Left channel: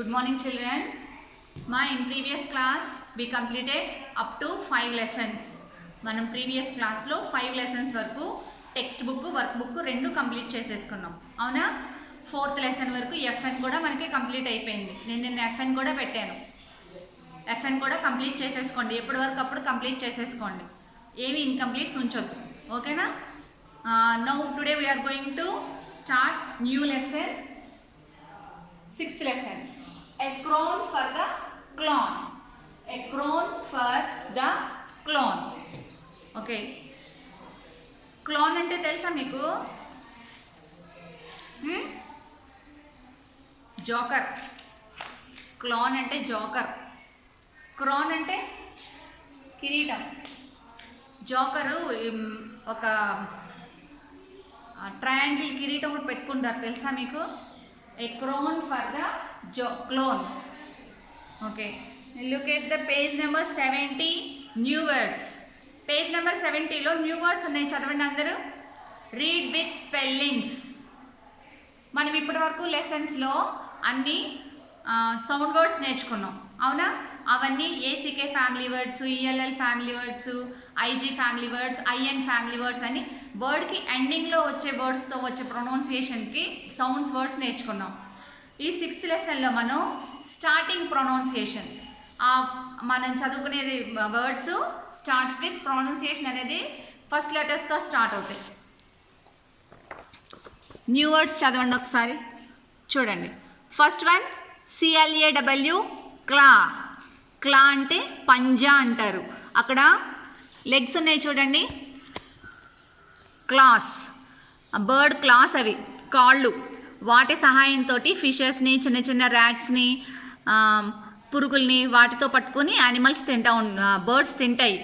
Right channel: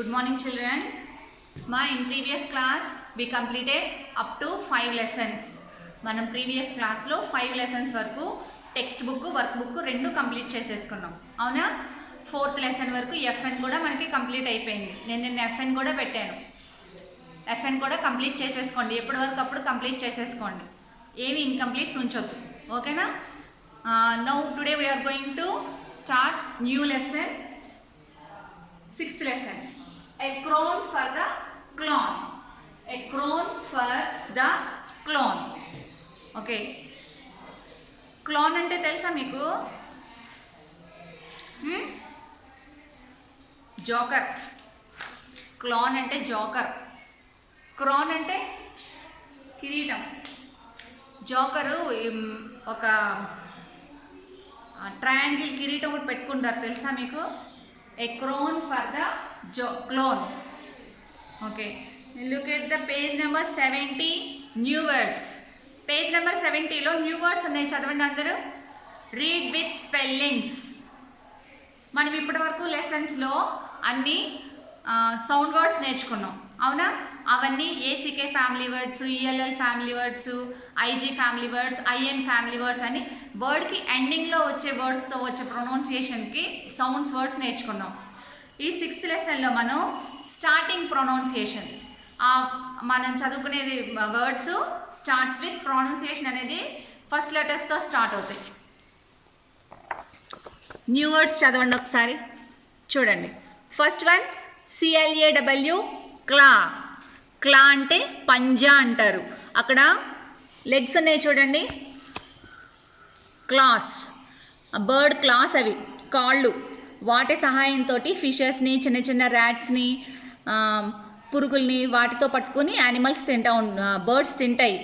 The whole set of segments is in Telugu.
Good morning children. In previous class we completed up to 5 lessons. మనం previous class లో 5 lessons వరకు టెక్స్ట్ బుక్ వర్క్ బుక్ రెండు కంప్లీట్ చేసేసుకున్నాం అవునా. 4th లెసన్ వరకు FN కూడా మనకి కంప్లీట్ అయిపోయింది. నేను నిన్న FN కూడా పెట్టాను. FN కూడా కంప్లీట్ చేసేసుకోండి, ఎప్పటి వరకు అప్పుడు కంప్లీట్ చేసేసుకోండి, ఏమి ఇన్కంప్లీట్స్ ఉంచొద్దు, ఓకేనా. Now today we are going to start new lesson, 6th lesson. A crown for the clown. A crown for the clown. Okay. Clown అంటే తెలుసా మీకు? జోకర్. క్లాన్ అంటే జోకర్. క్రాన్ అంటే కిరీటం. జోకరు ఒక ట్రయాంగిల్ కిరీటం ఒకటి పెట్టుకుంటారు, తెలుసా మీకు? A crown for the clown. Okay, look at the page number 70, new words. Page number 70 లో న్యూ వర్డ్స్ ఉన్నాయి, చదవండి అందరూ. Read with spellings. మనం ఇప్పటి వరకు లెసన్స్లో అన్ని సౌండ్ వర్డ్స్ నేర్చుకున్నాం అవునా. అవన్నీ ACK family words, ELL family words, IG family words, IN family words అని వర్డ్కి ఎండింగ్లో వచ్చే వర్డ్స్తో వచ్చే ప్రొనౌన్సియేషన్కి సౌండ్స్ వర్డ్స్ నేర్చుకున్నాం. ఈ 6th లెసన్లో మనం స్టార్టింగ్ ప్రొనౌన్సియేషన్, మనం చదువుకునేది వర్డ్స్ స్టార్ట్స్ విత్ ప్రొనౌన్సియేషన్ అనేది ఫస్ట్ లెటర్స్తో స్టార్ట్ అవుతాయి. న్యూ వర్డ్స్ చదవండి ఒకసారి, చూడండి. ఫస్ట్ వన్ CLAW, క్లా. క్లా అంటే పంజా అంటారు. అక్కడ లెగ్స్ ఉన్నాయి చూడండి, క్లాస్, బర్డ్ క్లాస్, అవి కాళ్ళు. వాటి సహాయంతో ఫిషెస్ని, చిన్న చిన్న ర్యాట్స్ని, పురుగుల్ని వాటితో పట్టుకుని యానిమల్స్ బర్డ్స్ తింటాయి.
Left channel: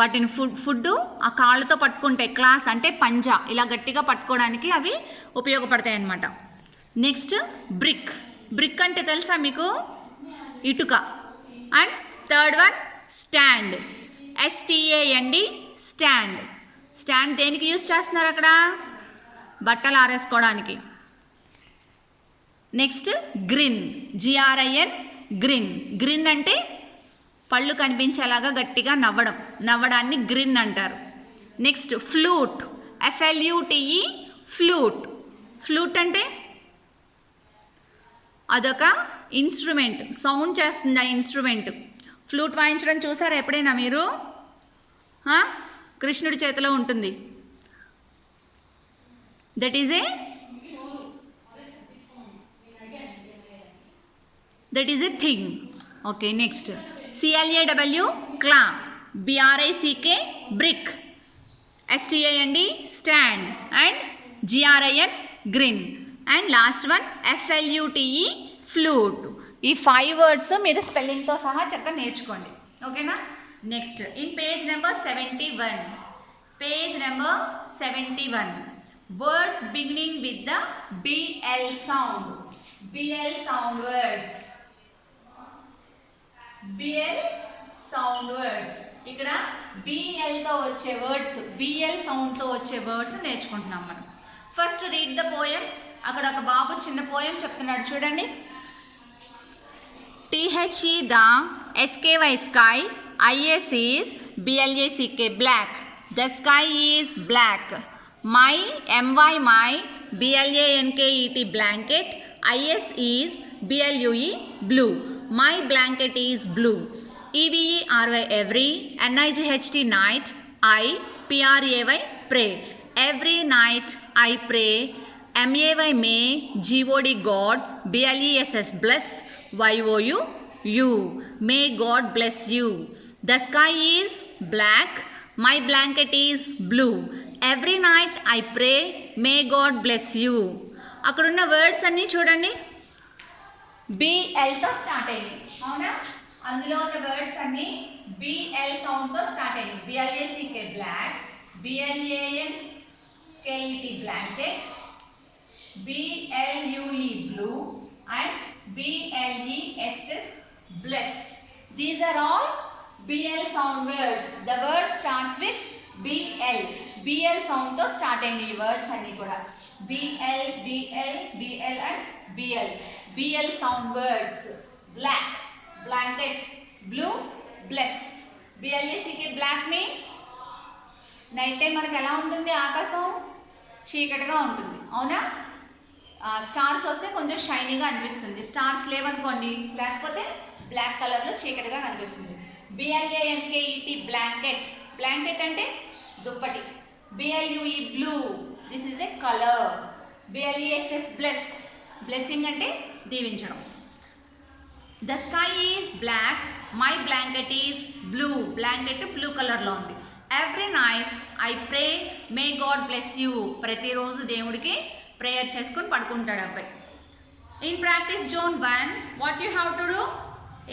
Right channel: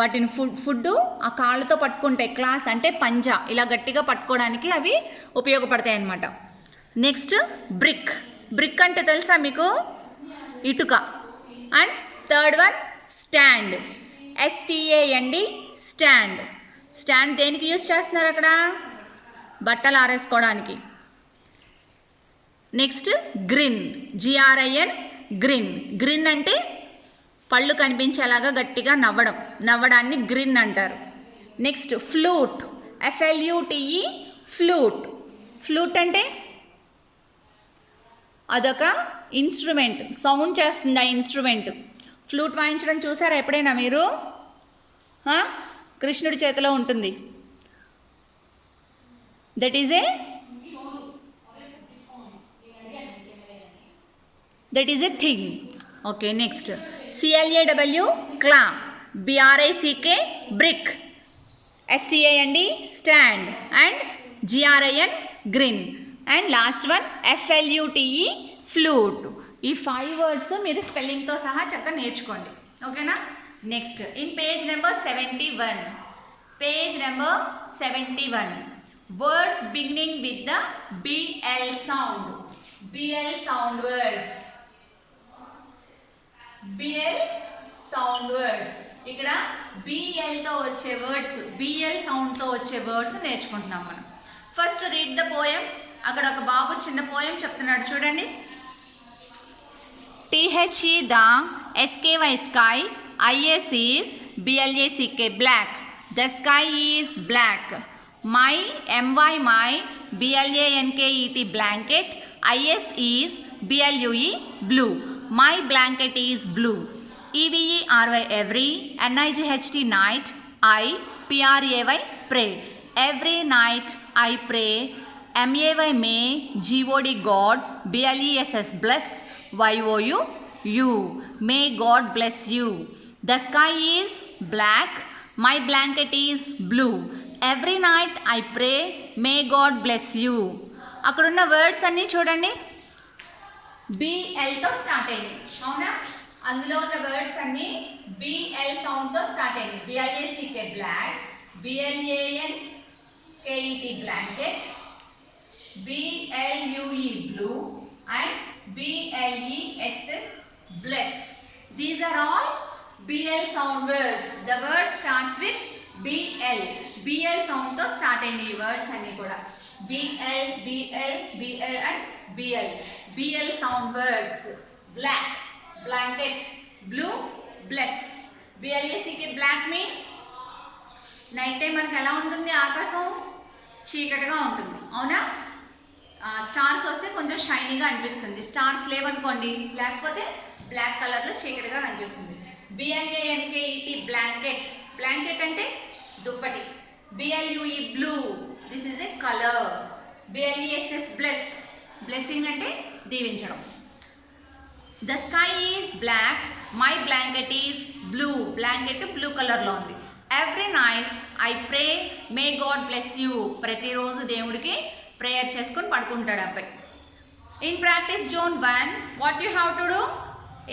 వాటిని ఫుడ్ ఆ కాళ్ళతో పట్టుకుంటాయి. క్లాస్ అంటే పంజా, ఇలా గట్టిగా పట్టుకోవడానికి అవి ఉపయోగపడతాయి అన్నమాట. Next brick. బ్రిక్ అంటే తెలుసా మీకు? ఇటుక. And third one stand. STAND, stand. Stand దేనికి యూజ్ చేస్తున్నారు అక్కడ? బట్టలు ఆరేసుకోవడానికి. Next grin. GRIN, grin. Grin అంటే పళ్ళు కనిపించేలాగా గట్టిగా నవ్వడాన్ని గ్రిన్ అంటారు. Next flute. FLUTE, flute. Flute అంటే అదొక ఇన్స్ట్రుమెంట్, సౌండ్ చేస్తుంది ఆ ఇన్స్ట్రుమెంట్. ఫ్లూట్ వాయించడం చూసారా ఎప్పుడైనా మీరు? కృష్ణుడి చేతిలో ఉంటుంది. That is a thing. Okay, next CLAW, క్లా. BRICK, brick. STAND, stand. And GRIN, grin. And last one FLUTE, flute. ఈ 5 వర్డ్స్ మీరు స్పెల్లింగ్తో సహా చక్కగా నేర్చుకోండి, ఓకేనా. Next in page number 71. Page number 71. Words beginning with the BL sound. BL sound words. BL sound words. ఇక్కడ BLతో వచ్చే వర్డ్స్, BL సౌండ్తో వచ్చే వర్డ్స్ నేర్చుకుంటున్నాం మనం. First read the poem. అక్కడ ఒక బాబు చిన్న పోయం చెప్తున్నాడు చూడండి. THE the SKY sky, IS is BLACK black. The sky is black. My my BLANKET blanket. IS is BLUE blue. My blanket is blue. EVERY every. NIGHT night. I PRAY pray. Every night I pray. MAY may. GOD God. BLESS bless. YOU you. May God bless you. The sky is black. My blanket is blue. Every night I pray. May God bless you. అక్కడున్న వర్డ్స్ అన్నీ చూడండి, BLతో స్టార్ట్ అయ్యింది అవునా. అందులో ఉన్న వర్డ్స్ అన్నీ BL సౌండ్తో స్టార్ట్ అయ్యింది. BLACK black, BLANKET blanket, BLUE blue and BLESS bless. These are all BL sound words. The word starts with BL. BL sound తో స్టార్ట్ అయిన ఈ వర్డ్స్ అన్నీ కూడా BL, BL, BL and BL. BL sound words. Black, blanket, blue, bless. BLACK black means night time మనకి ఎలా ఉంటుంది, ఆకాశం చీకటిగా ఉంటుంది, అవునా? స్టార్స్ వస్తే కొంచెం షైనీగా అనిపిస్తుంది. స్టార్స్ లేవనుకోండి, లేకపోతే బ్లాక్ కలర్లో చీకటిగా కనిపిస్తుంది. BLANKET blanket. బ్లాంకెట్ అంటే దుప్పటి. BLUE blue, this is a colour. BLESS bless, blessing అంటే దీవించడం. The sky is black, my blanket is blue. Blanket blue కలర్లో ఉంది. Every night I pray, may God bless you. ప్రతిరోజు దేవుడికి ప్రేయర్ చేసుకొని పడుకుంటాడు అబ్బాయి. In practice zone 1 what you have to do?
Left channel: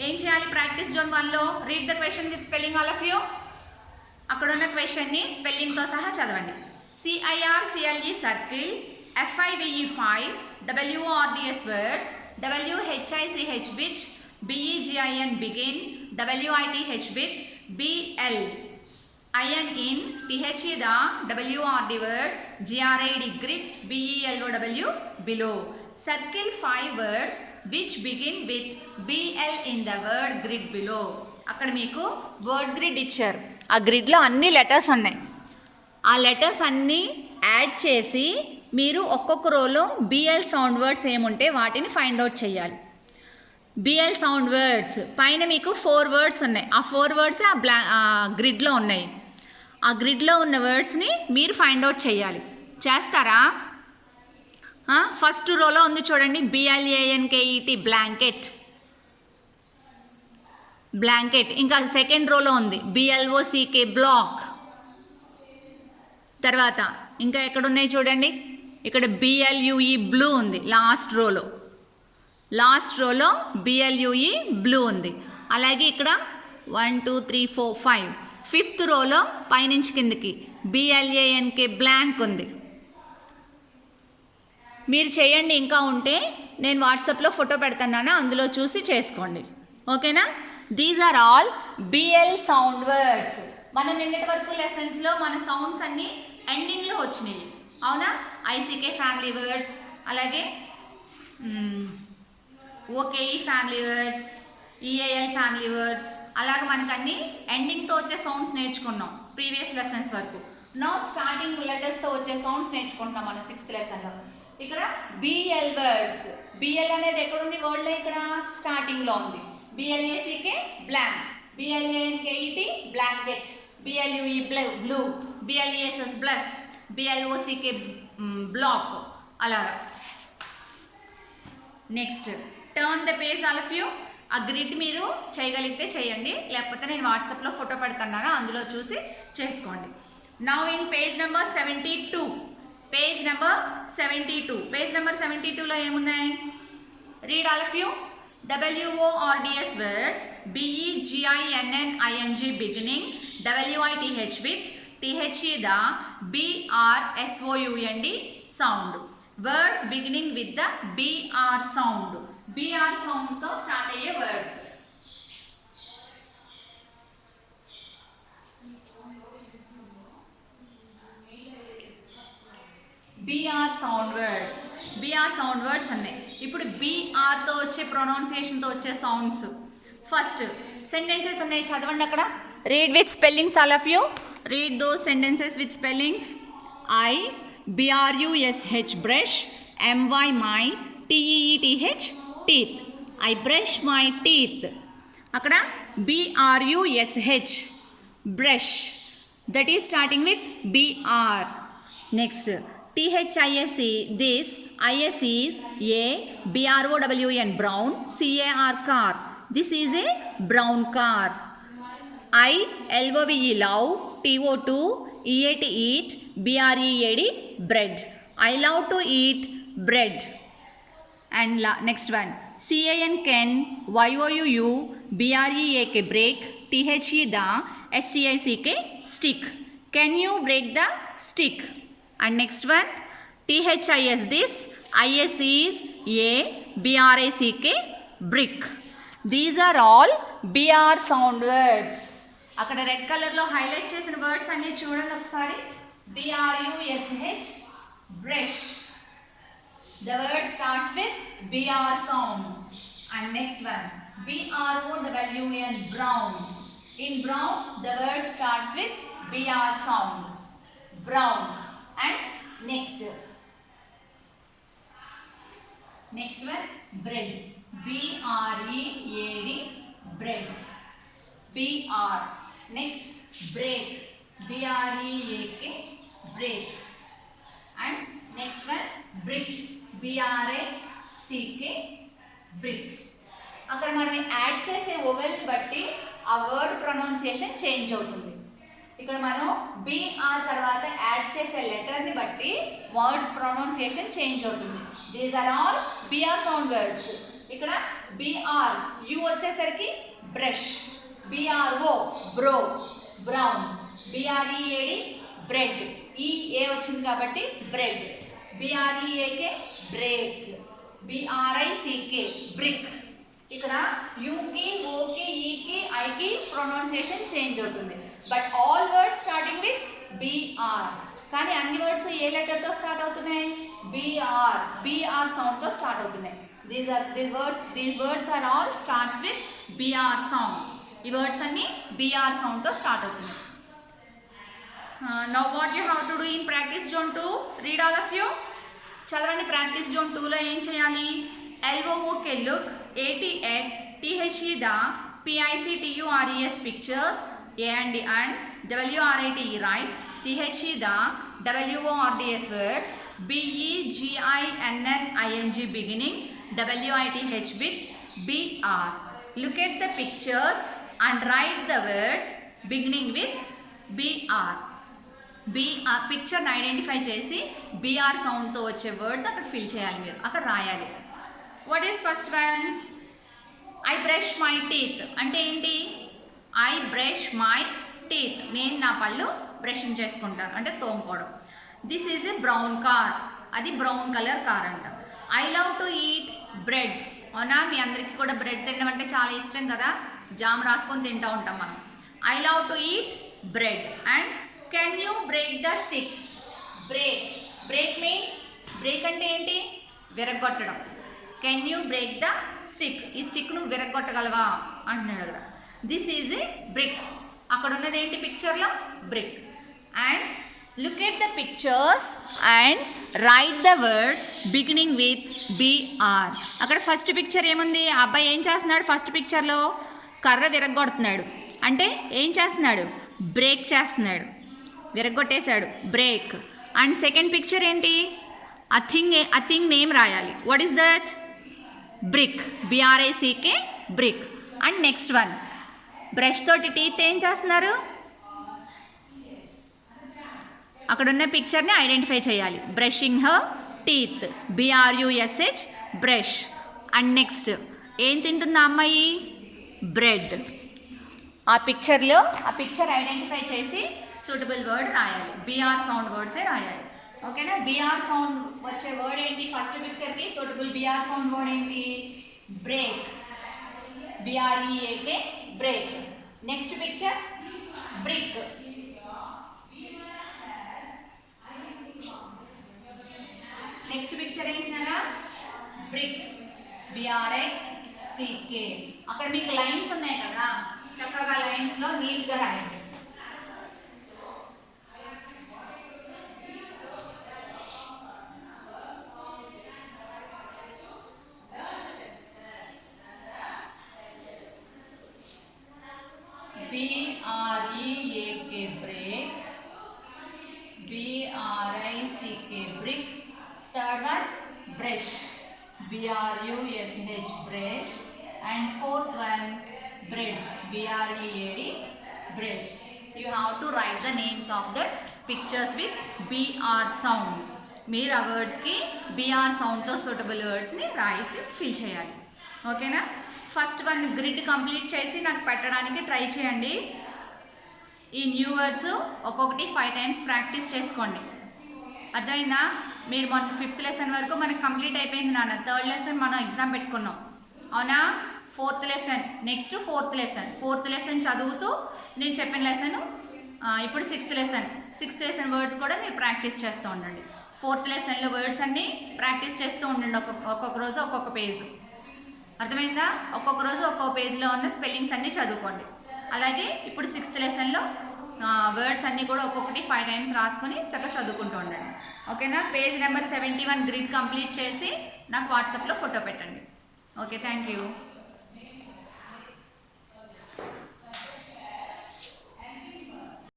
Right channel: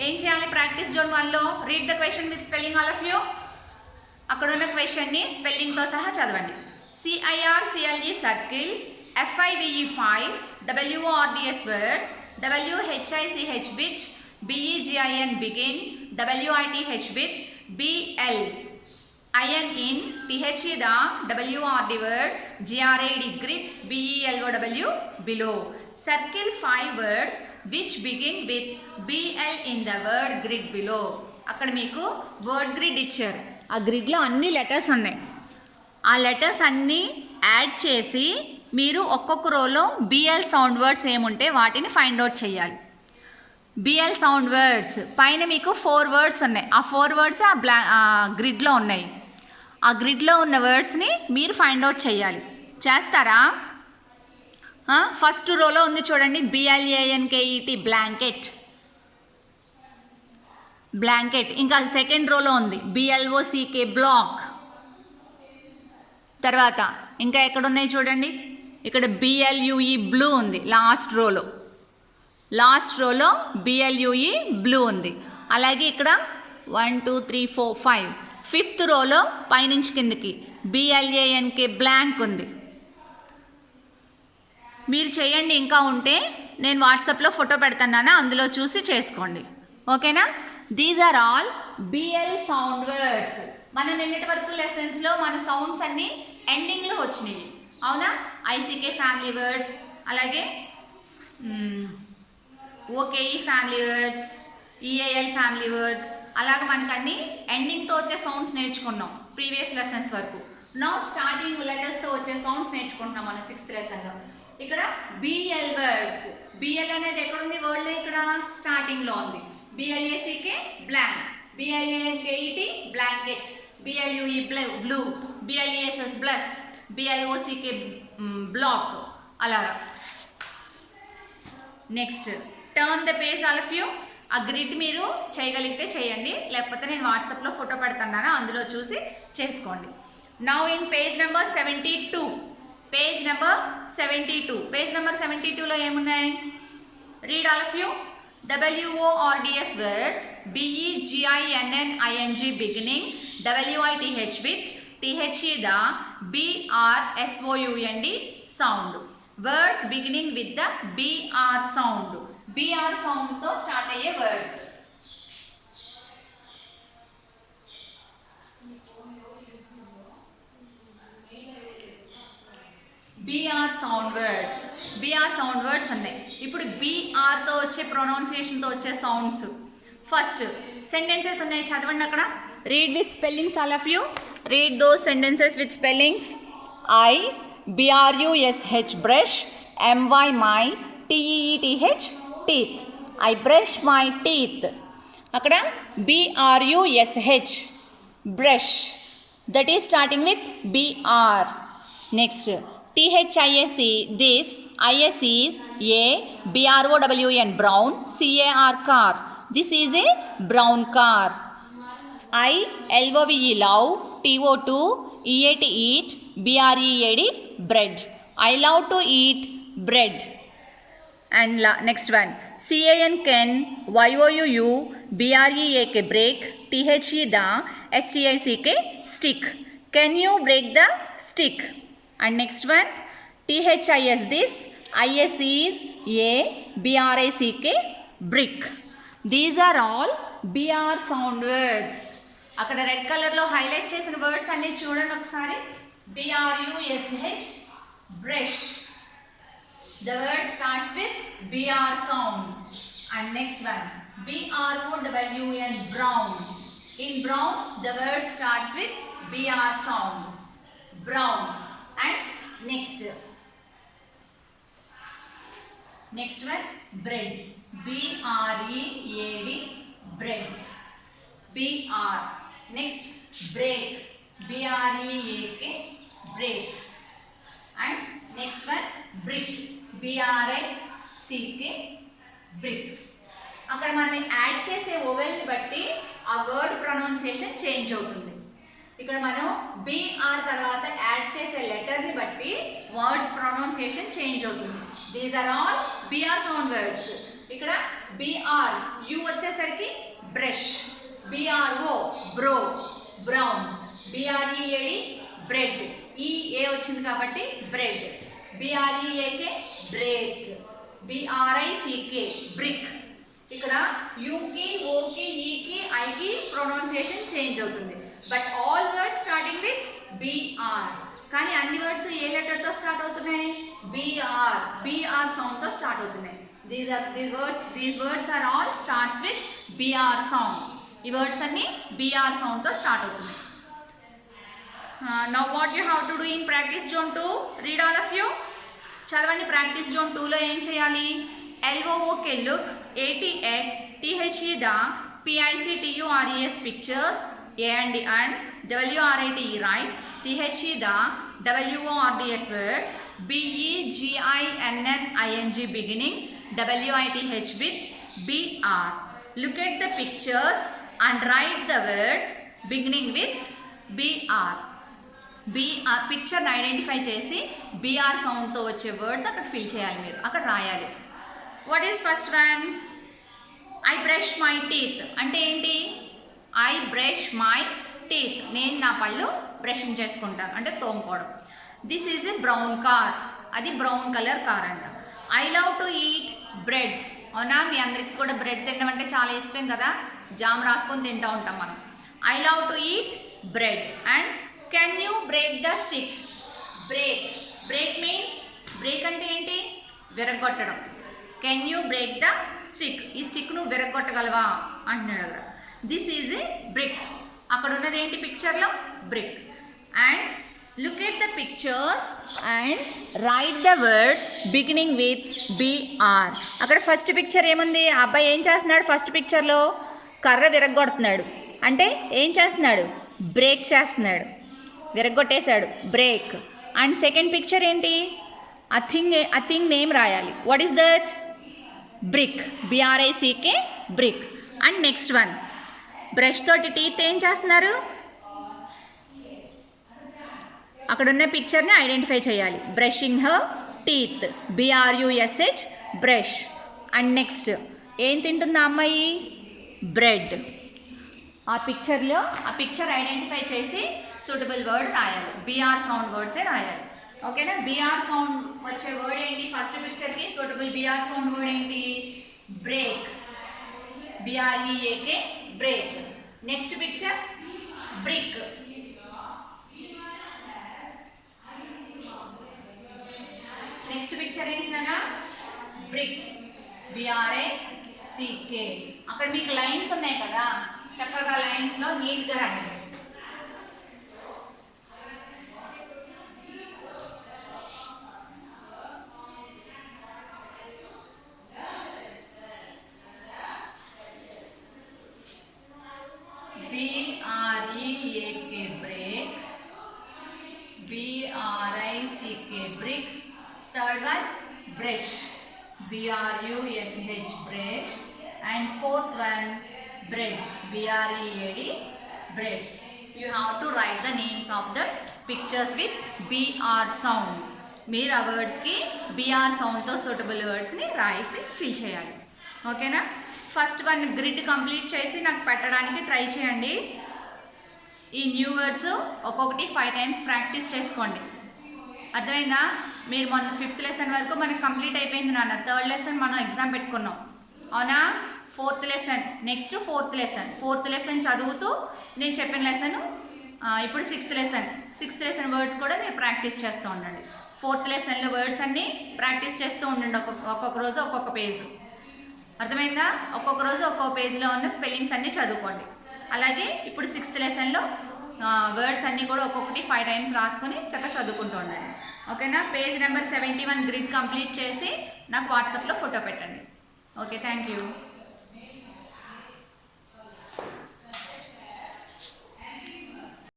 ఏం చేయాలి ప్రాక్టీస్ జోన్ 1లో? Read the question with spelling all of you. అక్కడ ఉన్న క్వశ్చన్ని స్పెల్లింగ్తో సహా చదవండి. CIRCLE circle, FIVE 5, WORDS words, WHICH which, BEGIN begin, WITH with, BL IN in, THE the, WRD word, GRAD grid, BELOW below. Circle 5 words which begin with BL in the word grid below. అక్కడ మీకు వర్డ్ గ్రిడ్ ఇచ్చారు. ఆ గ్రిడ్లో అన్ని లెటర్స్ ఉన్నాయి. ఆ లెటర్స్ అన్నీ యాడ్ చేసి మీరు ఒక్కొక్క రోలో BL సౌండ్ వర్డ్స్ ఏముంటే వాటిని ఫైండ్ అవుట్ చేయాలి. BL సౌండ్ వర్డ్స్ పైన మీకు 4 వర్డ్స్ ఉన్నాయి. ఆ 4 వర్డ్స్ ఆ గ్రిడ్లో ఉన్నాయి. ఆ గ్రిడ్లో ఉన్న వర్డ్స్ని మీరు ఫైండ్ అవుట్ చేయాలి. చేస్తారా? ఫస్ట్ రోలో ఉంది చూడండి, BLANKET బ్లాంకెట్, బ్లాంకెట్. ఇంకా సెకండ్ రోలో ఉంది BLOCK బ్లాక్. తర్వాత ఇంకా ఎక్కడున్నాయి చూడండి, ఇక్కడ BLUE బ్లూ ఉంది లాస్ట్ రోలో. లాస్ట్ రోలో BLUE బ్లూ ఉంది. అలాగే ఇక్కడ 1 2 3 4 5 ఫిఫ్త్ రోలో పైనుంచి కిందకి BLANK బ్లాంక్ ఉంది. మీరు చేయండి, ఇంకా ఉంటే నేను వాట్సాప్లో ఫోటో పెడతాను, అందులో చూసి చేసుకోండి, ఓకేనా? These are all BL sound words. మన నిన్నటి వరకు లెసన్స్లో మన సౌండ్స్ అన్నీ ఎండింగ్లో వచ్చినాయి, అవునా? ICK ఫ్యామిలీ వర్డ్స్, అలాగే OKE family words, EAL family words, అలాగే మనకు అన్ని ఎండింగ్తో వచ్చే సౌండ్స్ నేర్చుకున్నాం ప్రీవియస్ లెసన్స్ వరకు. నౌ స్టార్టింగ్ లెటర్స్తో వచ్చే సౌండ్స్ నేర్చుకుంటున్నాం మన 6th లెసన్లో. ఇక్కడ BL వర్డ్స్. BL అనేది ఎక్కడుంది వర్డ్లో? ఇక్కడ స్టార్టింగ్లో ఉంది. BLACK blank, BLANKET blanket, BLUE blue, BLESS bless, BLOCK block, అలాగా. Next turn the page all of you. ఆ గ్రిడ్ మీరు చేయగలిగితే చేయండి, లేకపోతే నేను వాట్సాప్లో ఫోటో పెడతాను, అందులో చూసి చేసుకోండి. Now in page number 72. Page number 72. Page number 72లో ఏమున్నాయి? Read all of you. WORDS words, BEGINNING beginning, WITH with, THE the, BRSOUND sound. Words beginning with the BR sound. BR సౌండ్తో స్టార్ట్ అయ్యే words. BR sound words. BR sound words ఉన్నాయి. ఇప్పుడు BRతో వచ్చే ప్రొనౌన్సియేషన్తో వచ్చే సౌండ్స్. ఫస్ట్ సెంటెన్సెస్ ఉన్నాయి, చదవండి అక్కడ. Read with spellings all of you. Read those sentences with spellings. BRUSH brush, MY my, TEETH teeth. I brush my teeth. అక్కడ BRUSH brush, that is starting with BR. Next THISE this, IS is a, BROWN brown, CAR car. This is a brown car. ILOVE love, TO2 EAT eat, BREAD bread. I love to eat bread. And next one CAN can, YOUU BREAK break, THE the, STICK stick. Can you break the stick? And next one THIS this, IS is a, BRACK brick. These are all BR sound words. అక్కడ రెడ్ కలర్లో హైలైట్ చేసిన వర్డ్స్ అన్నీ చూడండి ఒకసారి. BRUSH brush, The word starts with BR sound. And next one, BROWN, brown. In brown, the word starts with BR sound. Brown. And next one, bread. BREAD, bread. BR. Next, break. BREAK, break. And next one, brick. BRICK, brick. అక్కడ మనం యాడ్ చేసే ఓవెల్ని బట్టి ఆ వర్డ్ ప్రొనౌన్సియేషన్ చేంజ్ అవుతుంది. ఇక్కడ మనం BR తర్వాత యాడ్ చేసే లెటర్ని బట్టి వర్డ్స్ ప్రొనౌన్సియేషన్ చేంజ్ అవుతుంది. These are all BR sound words. ఇక్కడ BR U వచ్చేసరికి brush, BRO bro, brown, BREAD bread, EA వచ్చింది కాబట్టి bread, BREAK break, BRICK brick. ఇక్కడ యూకి, ఓకి, ఈకి, ఐకి ప్రొనౌన్సియేషన్ చేంజ్ అవుతుంది. But all words starting with BR. కానీ అన్ని వర్డ్స్ ఏ లెటర్తో స్టార్ట్ అవుతున్నాయి? BR సౌండ్తో స్టార్ట్ అవుతున్నాయి. These words are all starts with BR sound. ఈ వర్డ్స్ అన్ని BR సౌండ్తో స్టార్ట్ అవుతున్నాయి. Now what you have to do in practice zone 2? Read all of you. చదవండి. ప్రాక్టీస్ జోన్ 2లో ఏం చేయాలి? LOOK look, AT at, THE the, PICTURES pictures, AND WRITE write, THE the, WORDS words, BEGINNING beginning, WITH with BR. Look at the pictures and write the words beginning with BR. పిక్చర్ని ఐడెంటిఫై చేసి BR సౌండ్తో వచ్చే వర్డ్స్ అక్కడ ఫిల్ చేయాలి, మీరు అక్కడ రాయాలి. What is first one? I brush my teeth అంటే ఏంటి? ఐ బ్రష్ మై టీత్, నేను నా పళ్ళు బ్రషింగ్ చేసుకుంటాను అంటే తోముకోవడం. This is a brown car, అది బ్రౌన్ కలర్ కార్ అంట. I love to eat bread, అవునా? మీ అందరికీ కూడా బ్రెడ్ తినడం అంటే చాలా ఇష్టం కదా, జామ్ రాసుకొని తింటూ ఉంటాం మనం. I love to eat bread. And can you break the stick? Break means, break అంటే ఏంటి? విరగొట్టడం. Can you break the stick, ఈ స్టిక్ నువ్వు విరగొట్టగలవా అంటున్నాడు అక్కడ. దిస్ ఈజ్ ఏ బ్రిక్, అక్కడ ఉన్నది ఏంటి పిక్చర్లో? Brick. And look at the pictures and right the words beginning with BR. అక్కడ ఫస్ట్ పిక్చర్ ఏముంది? ఆ అబ్బాయి ఏం చేస్తున్నాడు? ఫస్ట్ పిక్చర్లో కర్ర విరగొడుతున్నాడు అంటే ఏం చేస్తున్నాడు? బ్రేక్ చేస్తున్నాడు, విరగొట్టేశాడు, బ్రేక్. అండ్ సెకండ్ పిక్చర్ ఏంటి? ఆ థింగ్ నేమ్ రాయాలి. What is that? Brick, BRICK brick. And next one, brush తోటి టీత్ ఏం చేస్తున్నారు? అక్కడ ఉన్న పిక్చర్ని ఐడెంటిఫై చేయాలి. Brushing her teeth, BRUSH brush. And next ఏం తింటుంది ఆ అమ్మాయి? బ్రెడ్. ఆ పిక్చర్ ఐడెంటిఫై చేసి సూటబుల్ వర్డ్ రాయాలి. BR సౌండ్ వర్డ్సే రాయాలి. ఓకేనా? BR సౌండ్ వచ్చే వర్డ్ ఏంటి? ఫస్ట్ పిక్చర్కి సూటబుల్ BR సౌండ్ వర్డ్ ఏంటి? Break, BREAK break. Next picture brick. Next picture ఏంటనగా బ్రిక్, BRICK. అక్కడ మీకు లైన్స్ ఉన్నాయి కదా, చక్కగా లైన్స్లో నీట్గా రాయండి. BREAK break, BRICK brick. Third one brush, BRUSH brush. And fourth one bread, BREAD bread. You have to write the names of the pictures with BR sound. మీరు ఆ వర్డ్స్కి BR సౌండ్తో సూటబుల్ వర్డ్స్ని రాసి ఫిల్ చేయాలి. ఓకేనా? ఫస్ట్ వన్ గ్రిడ్ కంప్లీట్ చేసి నాకు పెట్టడానికి ట్రై చేయండి. ఈ న్యూ వర్డ్స్ ఒక్కొక్కటి 5 times ప్రాక్టీస్ చేసుకోండి. అర్థమైందా? మీరు మొన్న 5th లెసన్ వరకు మనకు కంప్లీట్ అయిపోయింది నాన్న. 3rd లెసన్ మనం ఎగ్జామ్ పెట్టుకున్నాం, అవునా? 4th lesson, next 4th lesson. 4th lesson చదువుతూ నేను చెప్పిన లెసన్ ఇప్పుడు 6th లెసన్ వర్డ్స్ కూడా మీరు ప్రాక్టీస్ చేస్తూ ఉండండి. 4th లెసన్లో వర్డ్స్ అన్నీ ప్రాక్టీస్ చేస్తూ ఉండండి. ఒక్కొక్క రోజు ఒక్కొక్క పేజ్. అర్థమైందా? ఒక్కొక్క రోజు ఒక్కొక్క పేజ్లో ఉన్న స్పెల్లింగ్స్ అన్నీ చదువుకోండి. అలాగే ఇప్పుడు 6th లెసన్లో వర్డ్స్ అన్నీ కూడా ఒక్కొక్కటి 5 టైమ్స్ రాసుకొని చక్కగా చదువుకుంటూ ఉండండి. ఓకేనా? పేజ్ నెంబర్ 71 గ్రిడ్ కంప్లీట్ చేసి నాకు వాట్సాప్లో ఫోటో పెట్టండి. Okay, thank you.